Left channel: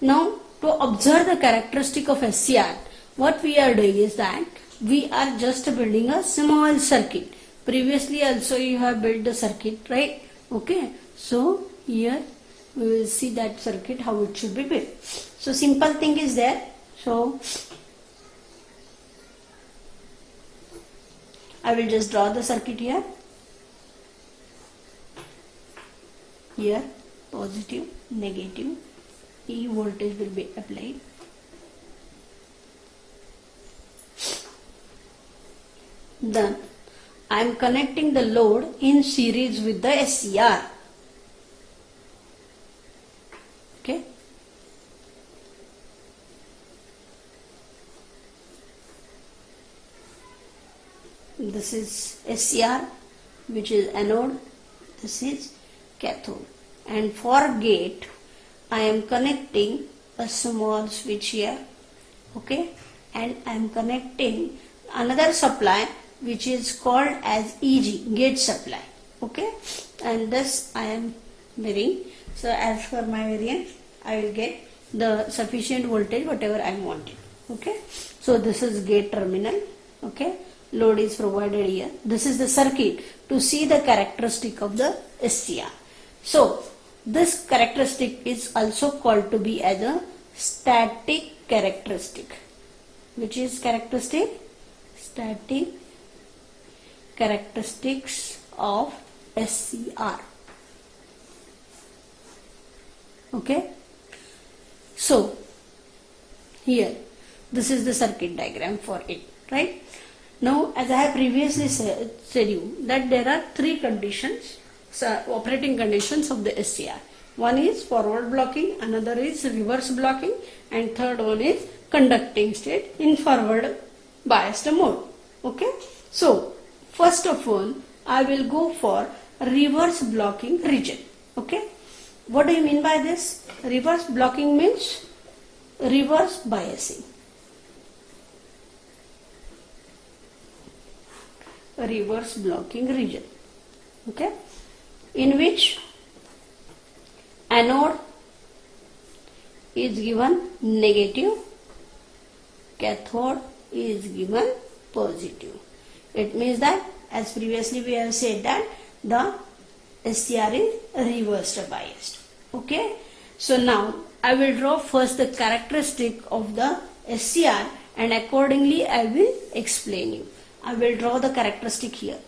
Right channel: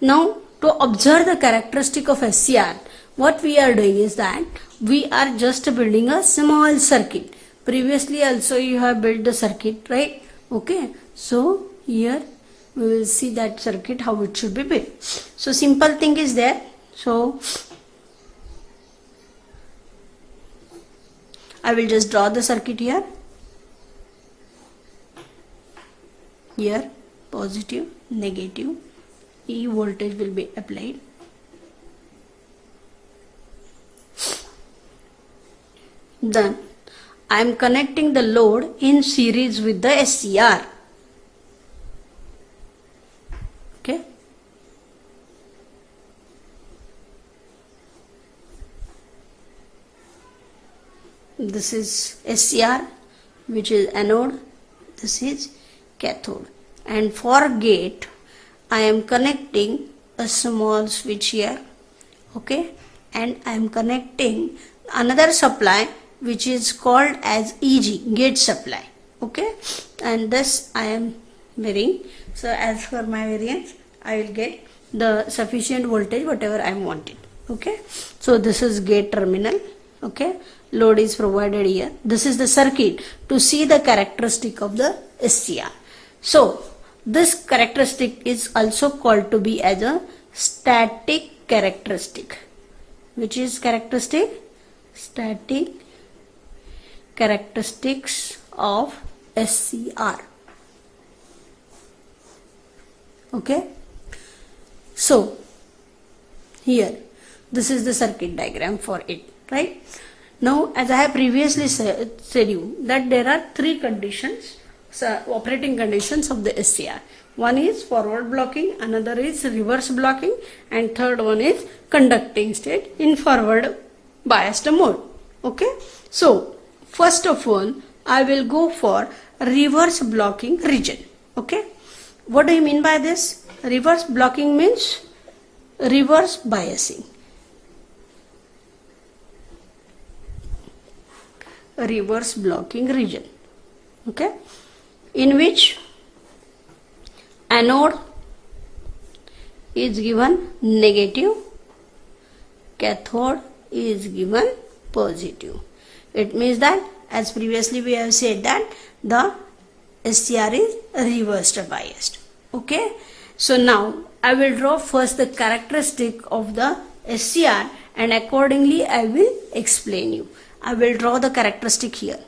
Now, to observe the characteristic of SCR, what we are doing is that we are just building a small circuit. Previously also you have built the circuit, right? Okay. So, here we will see that circuit how it should be built. So, simple thing is there. So, I will just draw the circuit here. Here, positive, negative, E voltage will be applied. Then I am connecting the load in series with the SCR. Okay. This is SCR, which is anode. This is cathode. And for gate, I am connecting a small switch here. Okay. And I am connecting another supply which is called as EG, gate supply. Okay. And this I am varying. So as per my variance, I will get the sufficient voltage whatever I am wanting. Okay. So this is gate terminal. Okay. Load is provided here. This is the circuit to see the characteristic of the SCR. So this characteristic is also called to be as a static characteristic. Which is characteristic? Static characteristics of SCR. Okay. So here this is the circuit diagram for it, right? Now, as I have previously said you that there are three conditions, operating conditions of the SCR. One is forward blocking, another is reverse blocking, and third one is conducting state in forward biased mode. Okay. So, first of all, I will go for reverse blocking region. Okay. What do you mean by this? Reverse blocking means reverse biasing. Reverse blocking region. Okay. In which anode is given negative, cathode is given positive. It means that as previously we have said that the SCR is reversed biased. Okay. So now I will draw first the characteristic of the SCR and accordingly I will explain you. I will draw the characteristic here.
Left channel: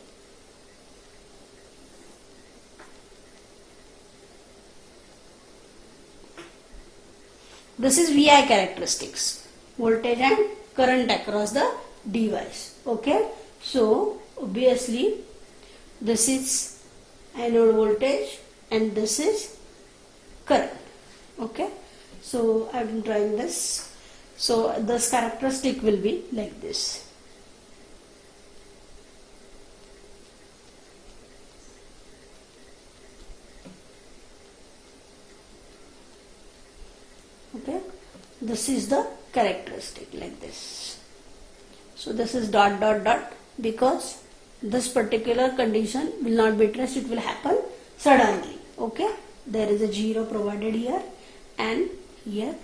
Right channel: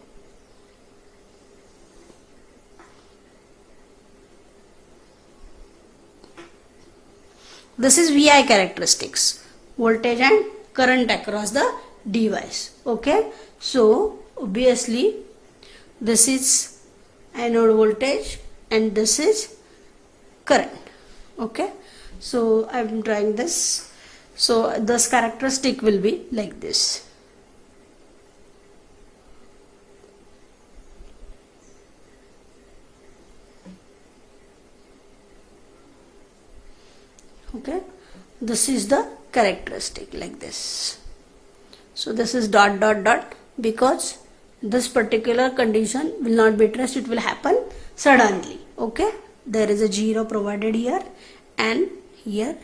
This is VI characteristics, voltage and current across the device. Okay. So obviously this is anode voltage and this is current. Okay. So I am drawing this. So this characteristic will be like this. Okay, this is the characteristic like this. So this is dot dot dot because this particular condition will not be traced, it will happen suddenly. Okay, there is a 0 provided here and here.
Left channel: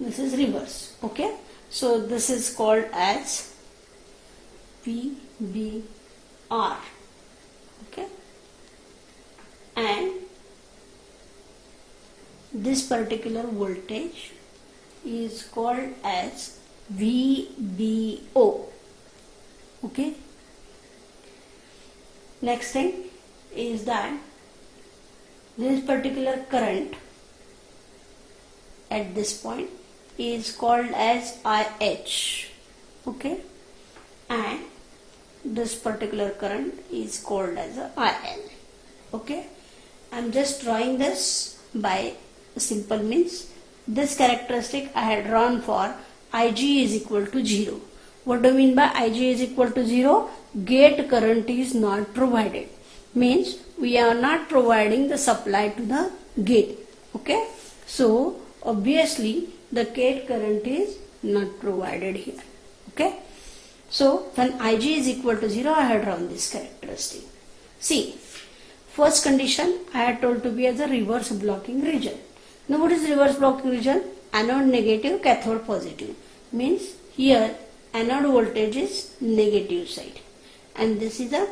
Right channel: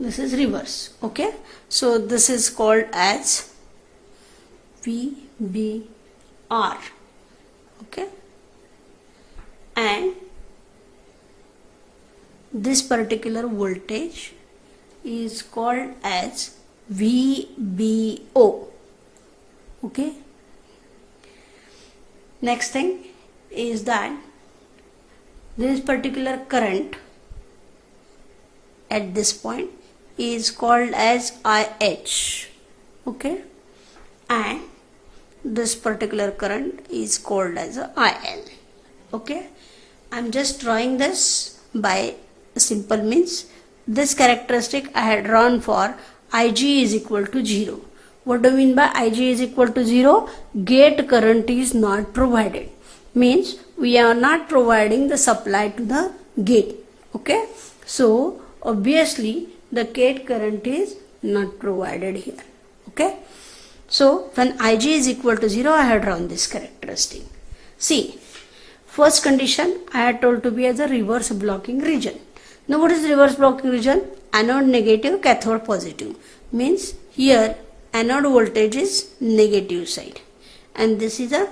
This is reverse. Okay, so this is called as VBR. Okay, and this particular voltage is called as VBO. Okay, next thing is that this particular current at this point is called as IH. Okay, and this particular current is called as a IL. Okay, I'm just drawing this by simple means. This characteristic I had drawn for Ig is equal to 0. What do you mean by Ig is equal to 0? Gate current is not provided. Means we are not providing the supply to the gate. Okay, so obviously the gate current is not provided here. Okay. So when Ig is equal to 0, I have drawn this characteristic. See, first condition I had told to be as a reverse blocking region. Now what is reverse blocking region? Anode negative, cathode positive. Means here anode voltage is negative side and this is a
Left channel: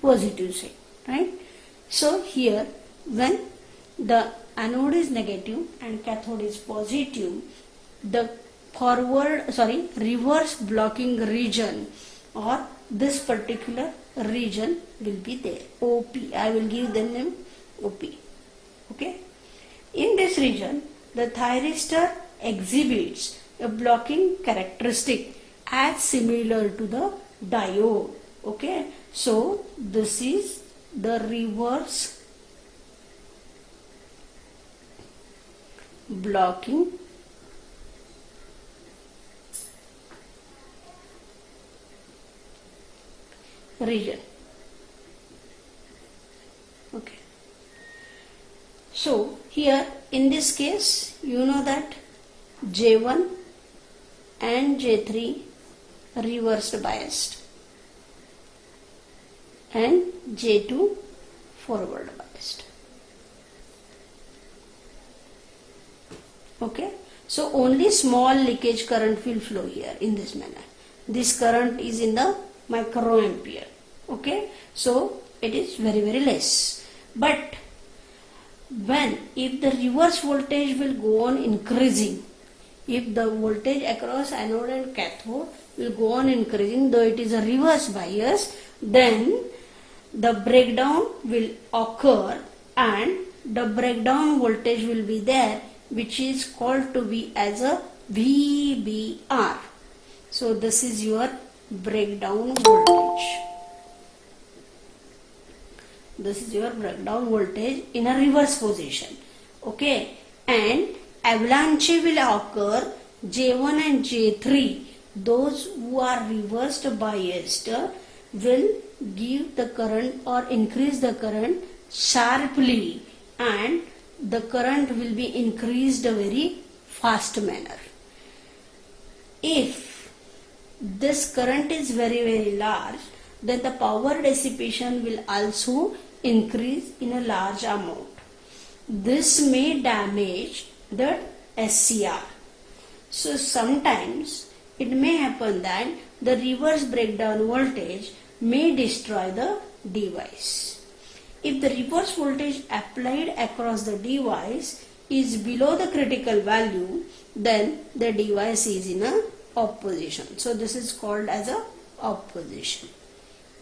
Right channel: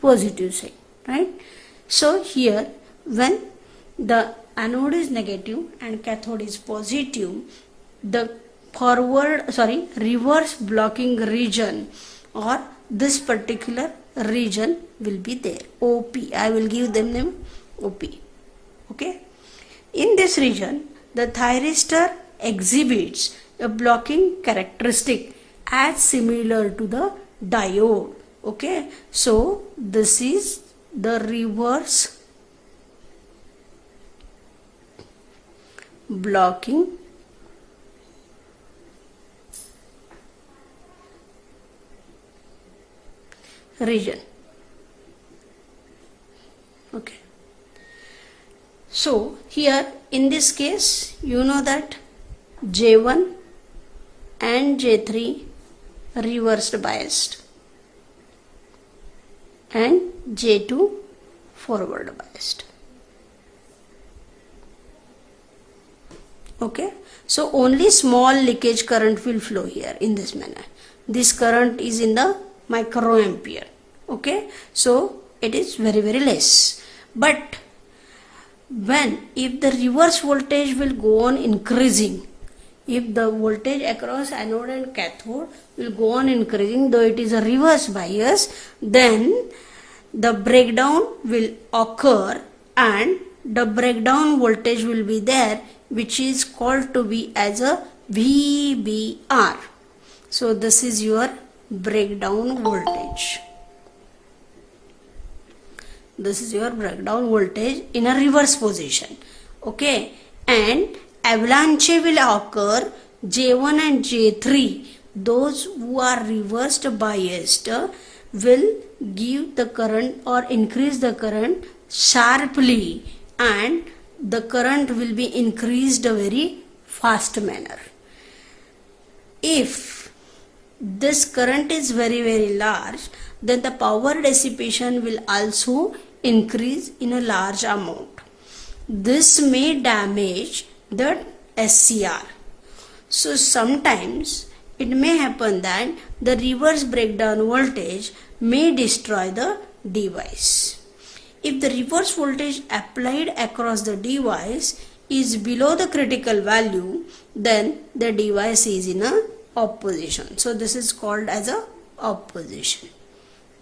positive side, right? So here when the anode is negative and cathode is positive, the reverse blocking region or this particular region will be there. OP. I will give them name OP. Okay. In this region, the thyristor exhibits a blocking characteristic as similar to the diode. Okay. So this is the reverse blocking region. Okay. So here in this case you know that J1 and J3 reversed biased and J2 forward biased. Okay. So only small leakage current will flow here in this manner. This current is in the microampere. Okay. So it is very less. But if the reverse voltage will go on increasing, if the voltage across anode and cathode will go on increasing, though it is a reverse bias, then the breakdown will occur and the breakdown voltage will be there, which is called to be as a VBR. So this is your breakdown voltage. This is your breakdown voltage in a reverse position. Okay. And avalanche will occur J1 and J3. Those who are reversed biased will give the current or increase the current sharply and the current will be increased a very fast manner. If this current is very large, then the power dissipation will also increase in a large amount. This may damage the SCR. So sometimes it may happen that the reverse breakdown voltage may destroy the device. If the reverse voltage applied across the device is below the critical value, then the device is in a off position. So this is called as a off position.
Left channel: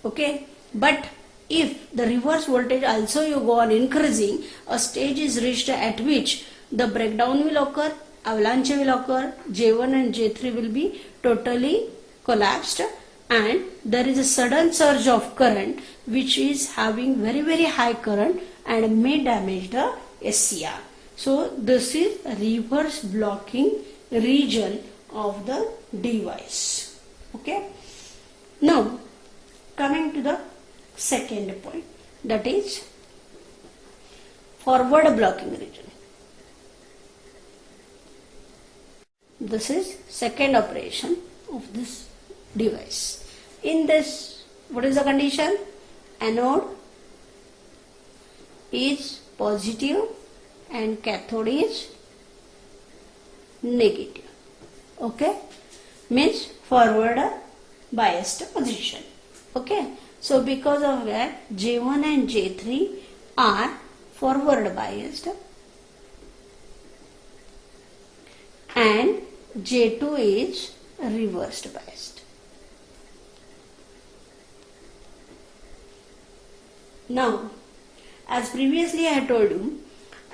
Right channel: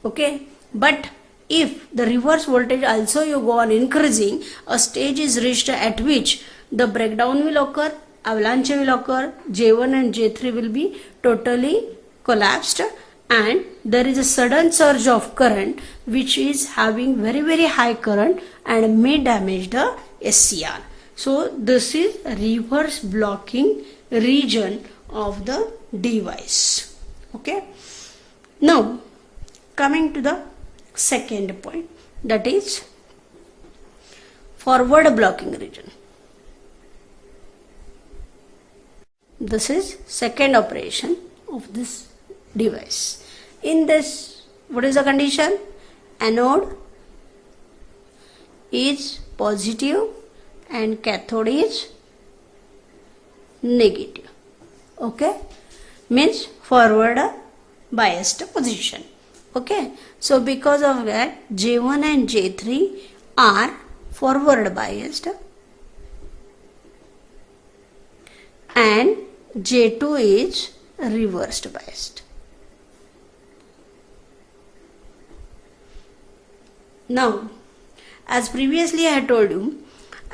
Okay. But if the reverse voltage also you go on increasing, a stage is reached at which the breakdown will occur, avalanche will occur, J1 and J3 will be totally collapsed and there is a sudden surge of current which is having very high current and may damage the SCR. So this is reverse blocking region of the device. Okay. Now coming to the second point, that is forward blocking region. This is second operation of this device. In this, what is the condition? Anode is positive and cathode is negative. Okay. Means forward biased position. Okay. So because of that, J1 and J3 are forward biased and J2 is reversed biased. Now, as previously I had told you,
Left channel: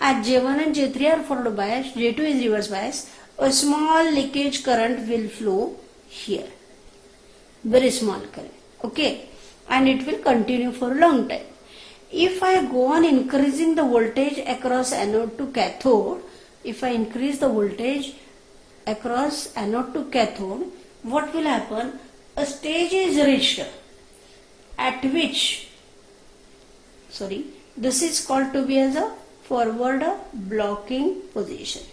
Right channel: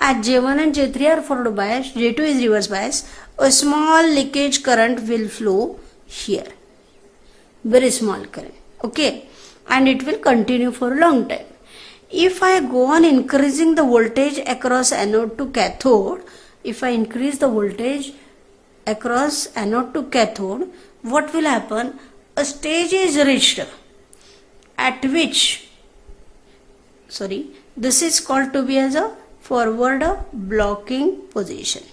as J1 and J3 are forward biased, J2 is reverse biased, a small leakage current will flow here. Very small current. Okay. And it will continue for a long time. If I go on increasing the voltage across anode to cathode, if I increase the voltage across anode to cathode, what will happen? A stage is reached at which, this is called to be as a forward blocking position.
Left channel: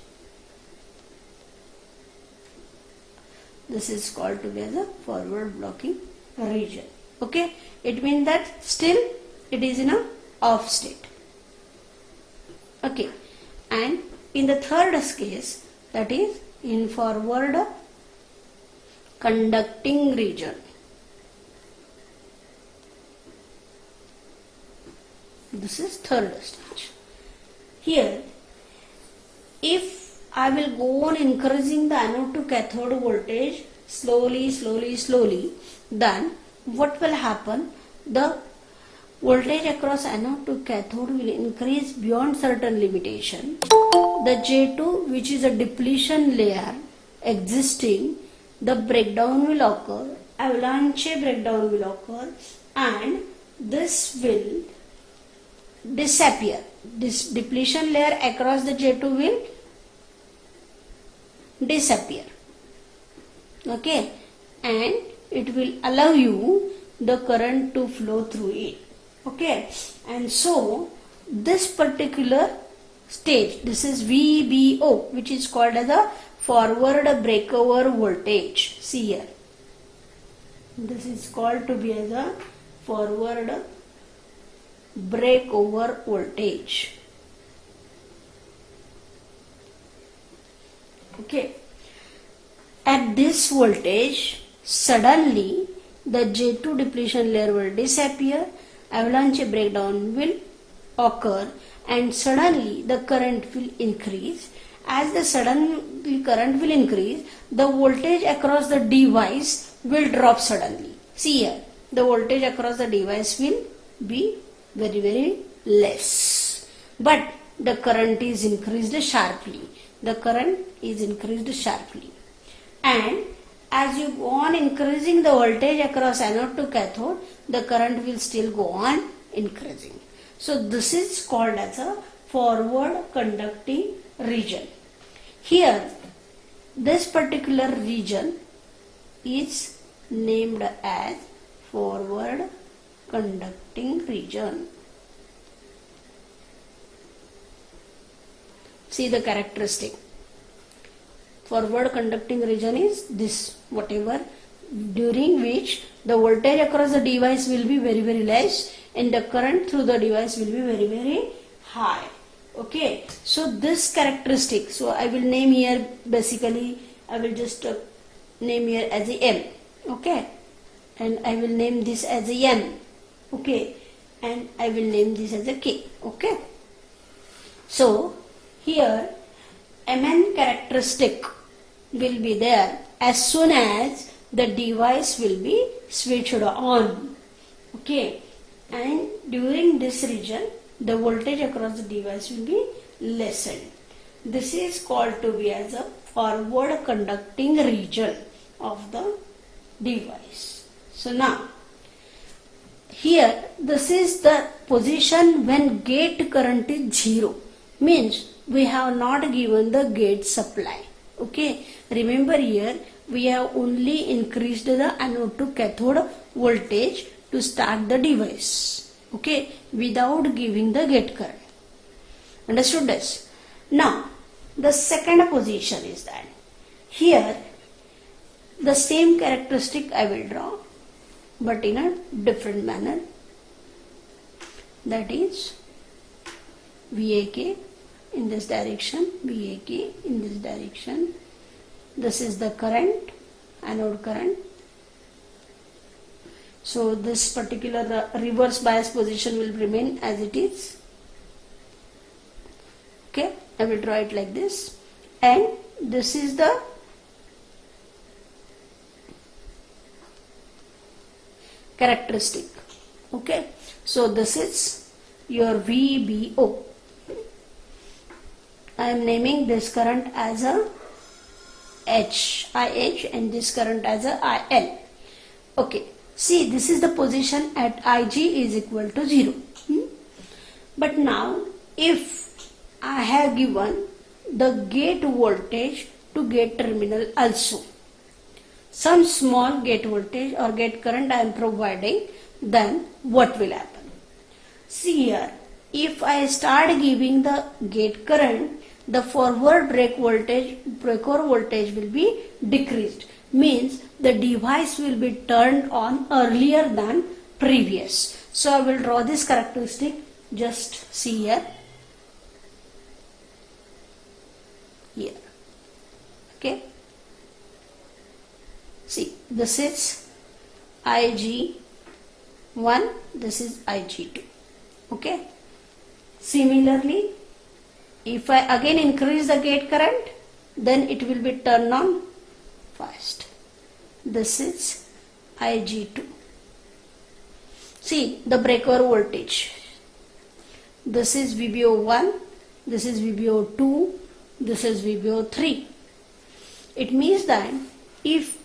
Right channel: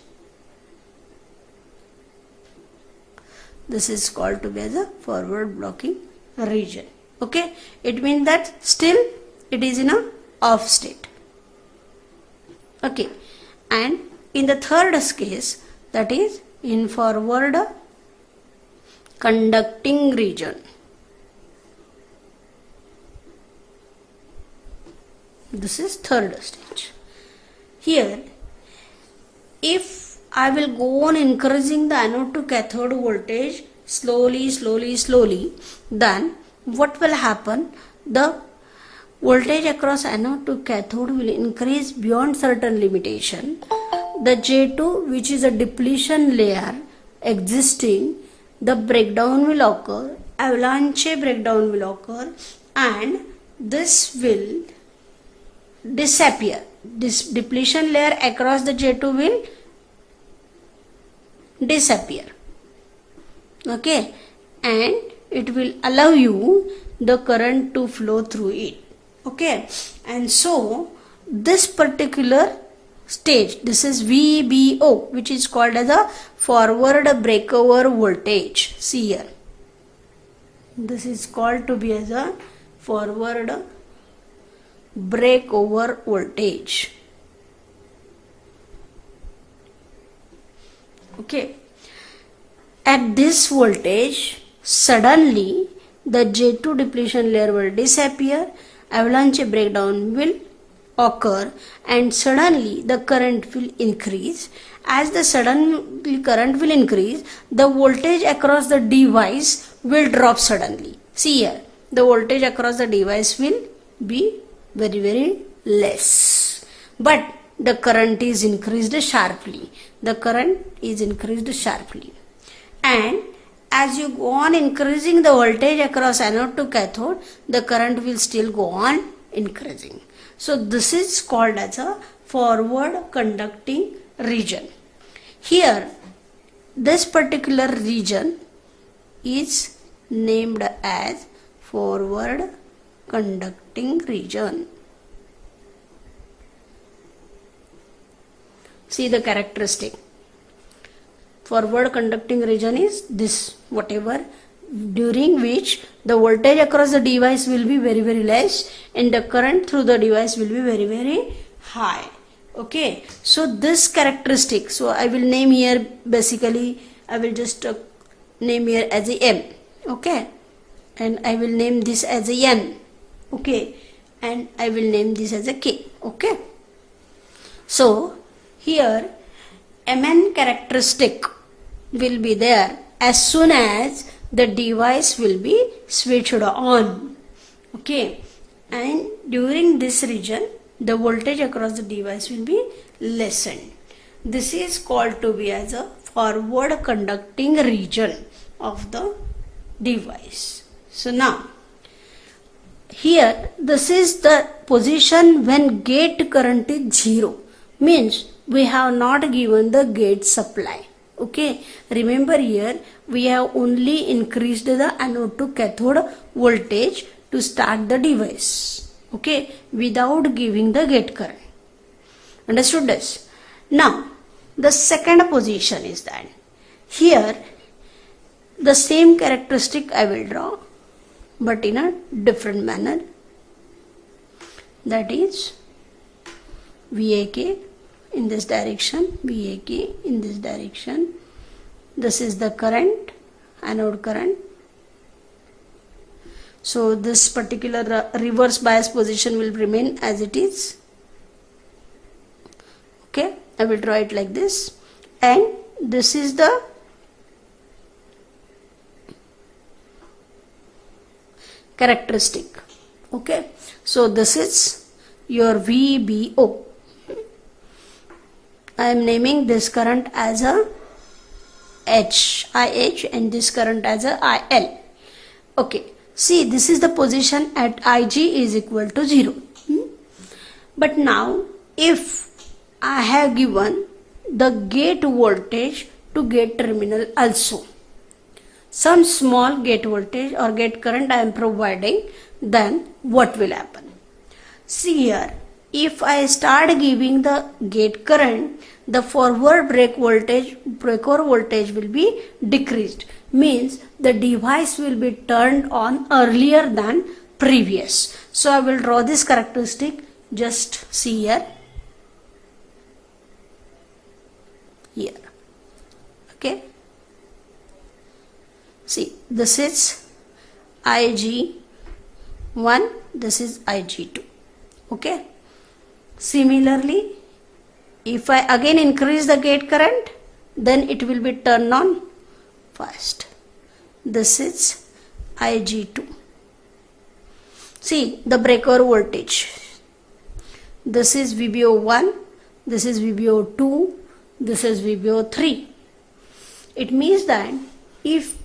This is called to be as a forward blocking region. Okay, it means that still it is in a off state. Okay, and in the third case, that is in forward conducting region. This is third stage. Here, if I will go on increasing the anode to cathode voltage slowly, then what will happen? The voltage across anode to cathode will increase beyond certain limitation. The J2, which is a depletion layer existing, the breakdown will occur, avalanche breakdown will occur, and this will disappear. This depletion layer across the J2 will disappear. Okay, and it will allow you the current to flow through it. Okay, and so this particular stage, this is VBO, which is called as a forward breakover voltage. See here, this is called to be as a forward breakover voltage. Okay, at this voltage, suddenly the J2 depletion layer will disappear, avalanche breakdown will occur, and suddenly the current will increase. As the suddenly current will increase, the voltage across the device will drop suddenly. See here, the voltage across the device will be very less, but the current is increased sharply. The current is increased sharply, and as you go on increasing the voltage across anode to cathode, the current will still go on increasing. So this is called as a forward conducting region. Here, this particular region is named as forward conducting region. See the characteristic. Forward conducting region is this, whatever, during which the voltage across the device will be very less and the current through the device will be very high. Okay, so this characteristic, so I will name here, basically I will just name here as a M. Okay, and I will name this as a N. Okay, and I will name this as a K. Okay, so here Mn characteristic will be there as soon as the device will be switched on. Okay, and during this region the voltage across the device will be lessened. This is called to be as a forward conducting region of the device. So now here this is the position when gate current is 0, means we have not given the gate supply. Okay, remember here we have only increased the anode to cathode voltage to start the device. Okay, without giving the gate current. Understood this? Now the second position is that here the same characteristic I will draw, but in a different manner. That is VAK in this direction, VAK in this direction. This is the current, anode current. So this particular reverse bias position will remain as it is. Okay, I will draw it like this, and this is the characteristic. Okay, so this is your VBO. I am naming this current as a IH and this current as a IL. Okay, see, this is the position at Ig is equal to 0. But now if I have given the gate voltage to gate terminal also, some small gate voltage or gate current I am providing, then what will happen? See here, if I start giving the gate current, the forward breakover voltage will be decreased, means the device will be turned on earlier than previous. So I will draw this characteristic. Just see here. Here. Okay. See, this is IG1, this is IG2. Okay. Similarly, if I again increase the gate current, then it will be turned on first. This is IG2. See the breaker voltage. This is VBO1, this is VBO2, this is VBO3. It means that if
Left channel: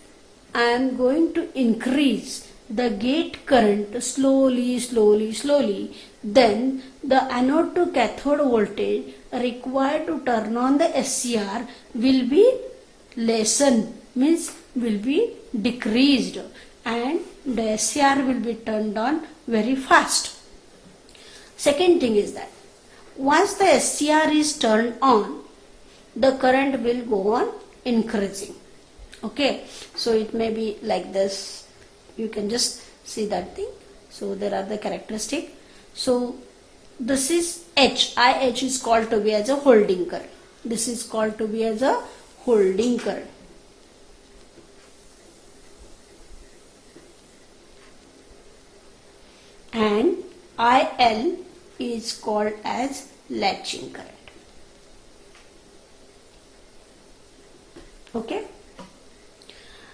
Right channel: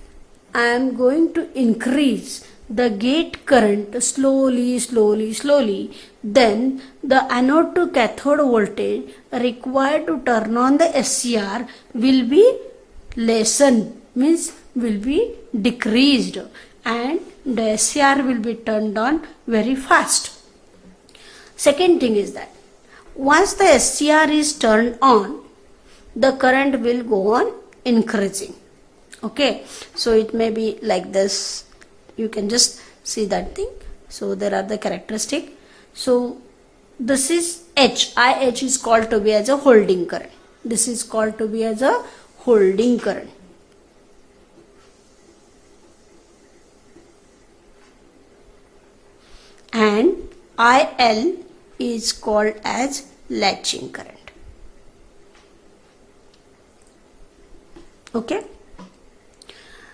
I am going to increase the gate current slowly, then the anode to cathode voltage required to turn on the SCR will be lessened, means will be decreased, and the SCR will be turned on very fast. Second thing is that once the SCR is turned on, the current will go on increasing. Okay, so it may be like this. You can just see that thing. So there are the characteristics. So this is H. IH is called to be as a holding current. This is called to be as a holding current. And IL is called as latching current. Okay.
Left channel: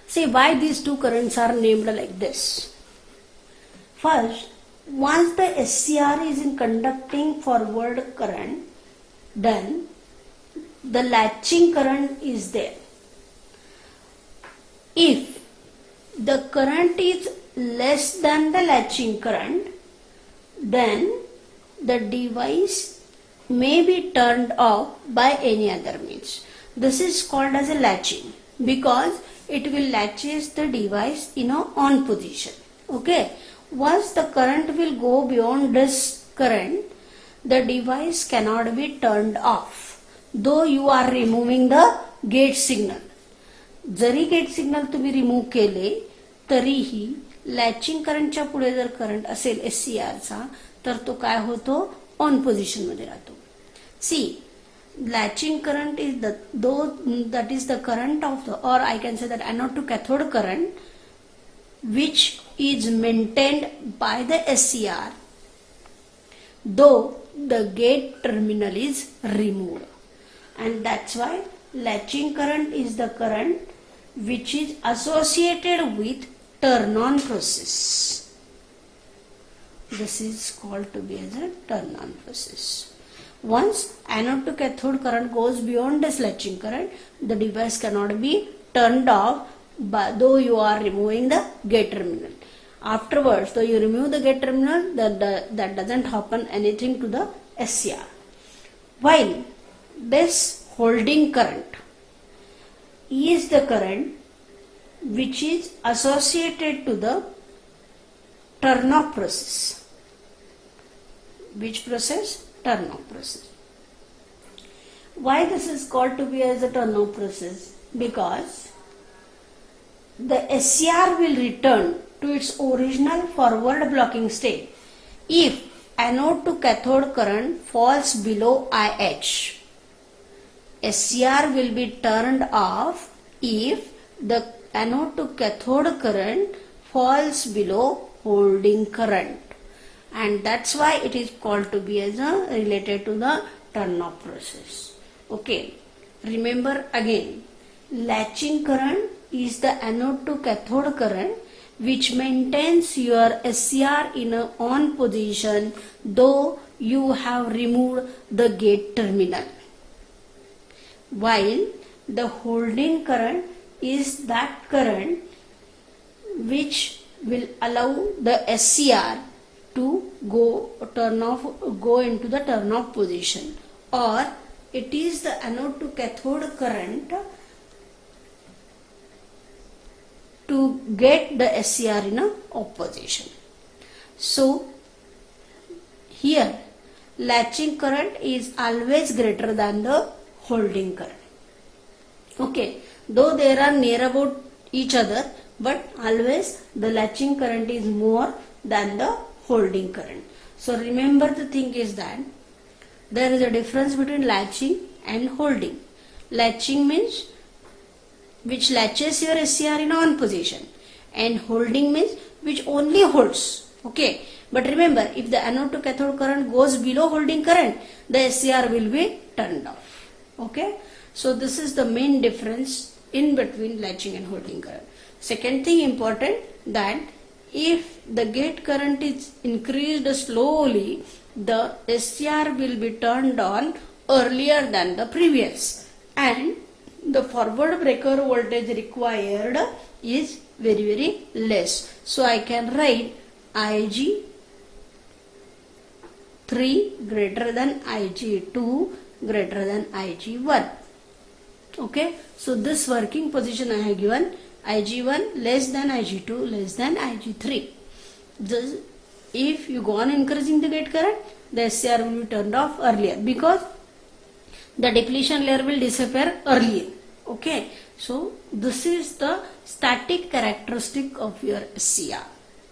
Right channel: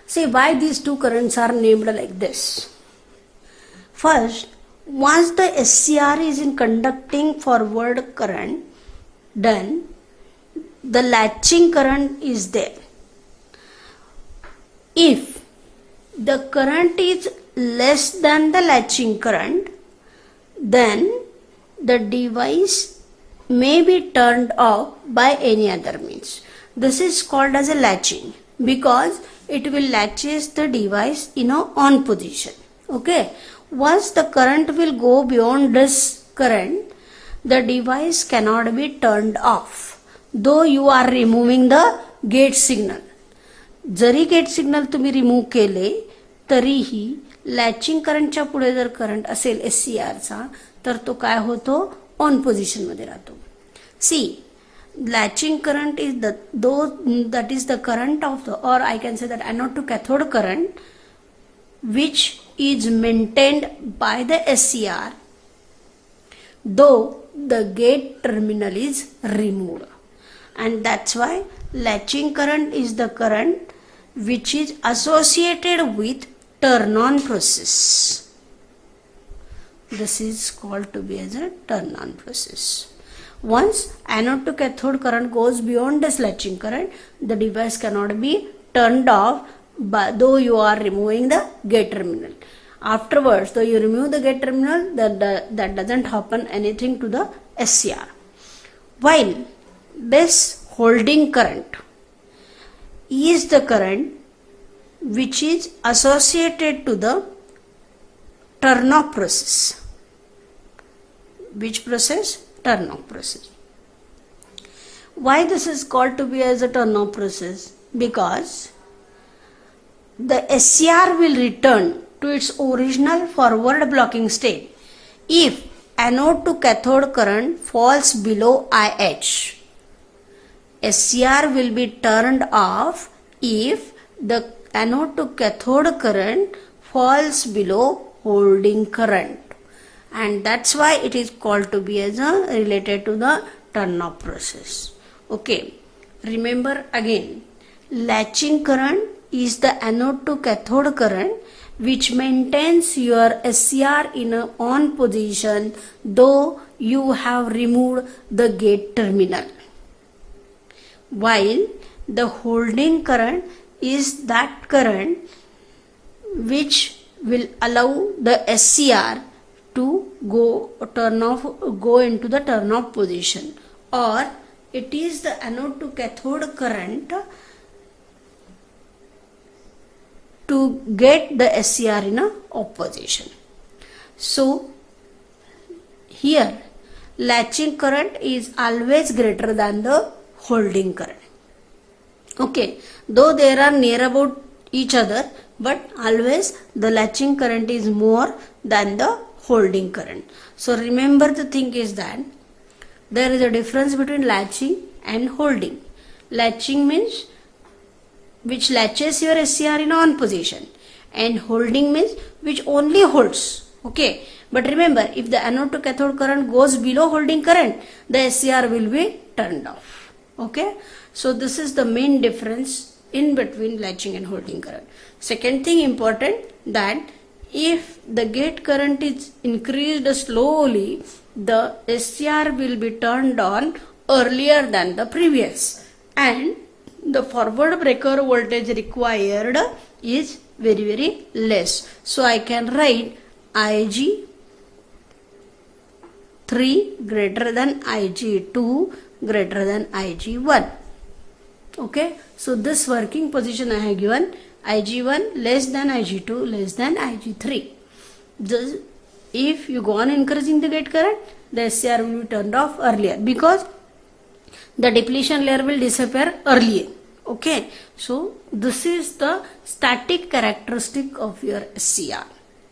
See why these two currents are named like this. First, once the SCR is in conducting forward current, then the latching current is there. If the current is less than the latching current, then the device may be turned off by any other means. This is called as a latching because it will latches the device in a on position. Okay. Once the current will go beyond this current, the device cannot be turned off. Though you are removing the gate signal. जरी gate signal तुम्ही remove केले तरीही latching करंटच्या पुढे जर current असेल SCR चा तर तो काय होतो ऑन पोझिशन मध्ये राहतो. सी latching current is that is the current of the, or I can say that anode to cathode current which is maintained by the SCR though the gate terminal is removed, and that's why latching current is the current which is associated with turn on process. This is called to be as a turn on process. Once anode to cathode current goes beyond this latching current, the device cannot be turned off though you are removing the gate terminal. Afterwards, though you remove the gate terminal, that doesn't happen anything to the SCR. While this holding current is the current which is associated to the turn off process. Which process? Turn off process. Why this is called to be as a turn off process? Because the SCR will return to its original forward blocking state if anode to cathode current falls below IH. SCR will be turned off if the anode to cathode current falls below holding current. And that's why it is called to be as a related to the turn off process. Okay, remember again, latching current is the anode to cathode current which maintains your SCR in a on position though you have removed the gate terminal, while the holding current is that current which will allow the SCR to go into the turn off position, or it is the anode to cathode current to get the SCR in a off position. So here latching current is always greater than the holding current. Okay, though they are near about each other, but always the latching current is more than the holding current. So remember the thing is that there is a difference between latching and holding. Latching means which latches your SCR in on position, and holding means which only holds. Okay, but remember, if the anode to cathode current goes below holding current, the SCR will be turned off. Okay, so this is the main difference in between latching and holding current. Second thing important, that if the gate current is increased slowly, the SCR will be turned on earlier than the previous, and the forward breaker voltage required is very less. So I can write Ig3 greater than Ig2 greater than Ig1. Okay, so this working position I have given Ig1 less than Ig2 less than Ig3. If you go on increasing the gate current, the SCR will be turned off earlier because the depletion layer will disappear earlier. Okay, so this is the static characteristic of your SCR.